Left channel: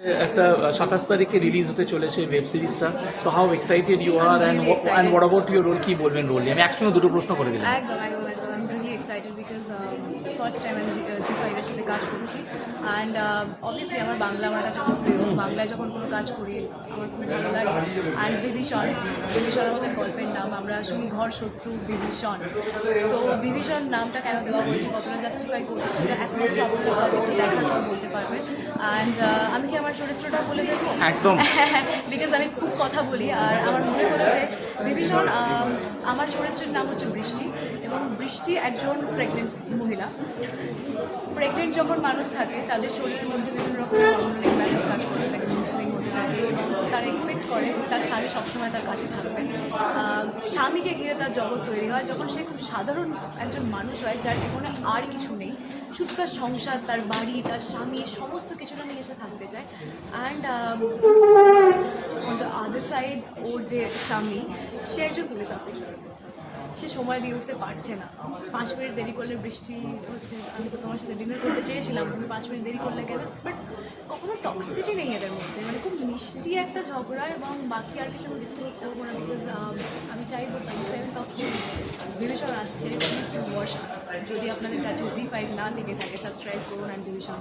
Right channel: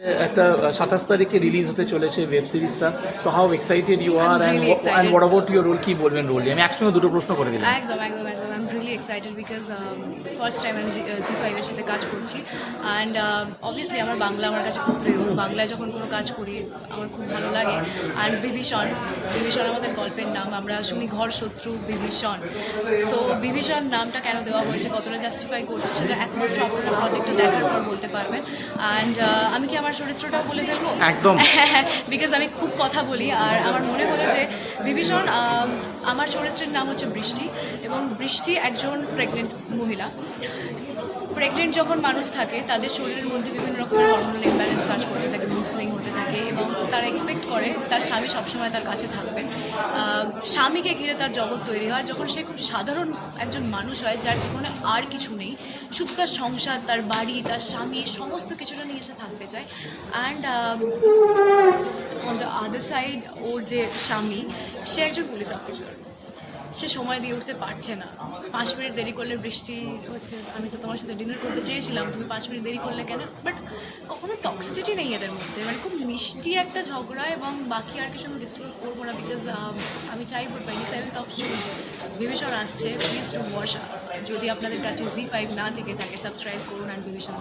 একটা 27 তারিখে রিলিজ হতে চলেছে ওয়েব সিরিজটা। So how excited you are I'm and really excited. And what about your role, কি বলবেন রোল নিয়ে? আমি একসঙ্গে দুটো প্রশ্ন করে দিলাম। একদম একদম একদম I am really excited because first time আমি জি5-এর সাথে কাজ করছি অ্যান্ড অবভিয়াসলি আমার বাংলা আমার কাছে খুব প্রিয়। বাংলায় যখন কোনো কাজ করি আমার খুব ভালো লাগে। অ্যান্ড বিভীষণ আমাদের গল্পের নাম, আমরা শুনি ঘর শত্রু বিভীষণ। সো বিভীষণ নামটা কেন দেওয়া হয়েছে, কতটা জাস্টিফাই করছে, সেটা একমাত্র আপনারা প্রজেক্টে দেখার পর বলতে পারবেন। অ্যান্ড আমি কি আমার চরিত্রটা বলে দেবো? একদম। বিকজ আমি খুব কথা বলি আর আমার মনে হলো যে বিভীষণ, আমার চরিত্রের নাম হচ্ছে বৃষ্টি এবং বৃষ্টি একজন প্রেগনেন্ট মহিলা। প্রেগনেন্ট যখন মানুষ থাকে তাদের শরীরের মধ্যে বিভিন্ন রকমের হরমোনাল ইমব্যালেন্স কাজ করতে থাকে, মুড সুইং হতে থাকে এবং তারা এক্সপেক্ট করে তার স্বামী সবসময় তার কাছে থাকবে। স্বামীকে ঘিরে তার জগৎ তৈরি হয় যখন সে খুব সাধারণ একজন মানুষ হয়, যার জীবনে আর কিছু নেই, শুধু তার সংসার, তার বাড়ি, তার স্বামী, সমস্ত কিছুটা নিয়ে সে থাকতে চায়। And on the other side ওর যে স্বামী, সে একজন পুলিশ অফিসার। সে সময় দিয়ে উঠতে পারছে না। 5 মিনিট দেরি করলে বৃষ্টি হচ্ছে, আমি তো তোমার সাথে ডিনার করতে চেয়েছিলাম, তুমি 5 মিনিট দেরি করলে কেন? বাট কখনো টক্সিসিটি নেই এদের মধ্যে, মানে খুব মিষ্টি একটা ঝগড়া। এবং বাকি আর কিছু আমি ডিসক্লোজ করবো না বিকজ আমি চাইবো 27th অফ জুন বিভীষণ আসছে, প্লিজ টু ওয়াচ। যদি আপনাদের কাছে জি5 না থেকে থাকে সাবস্ক্রাইব করুন অ্যান্ড বিভীষণ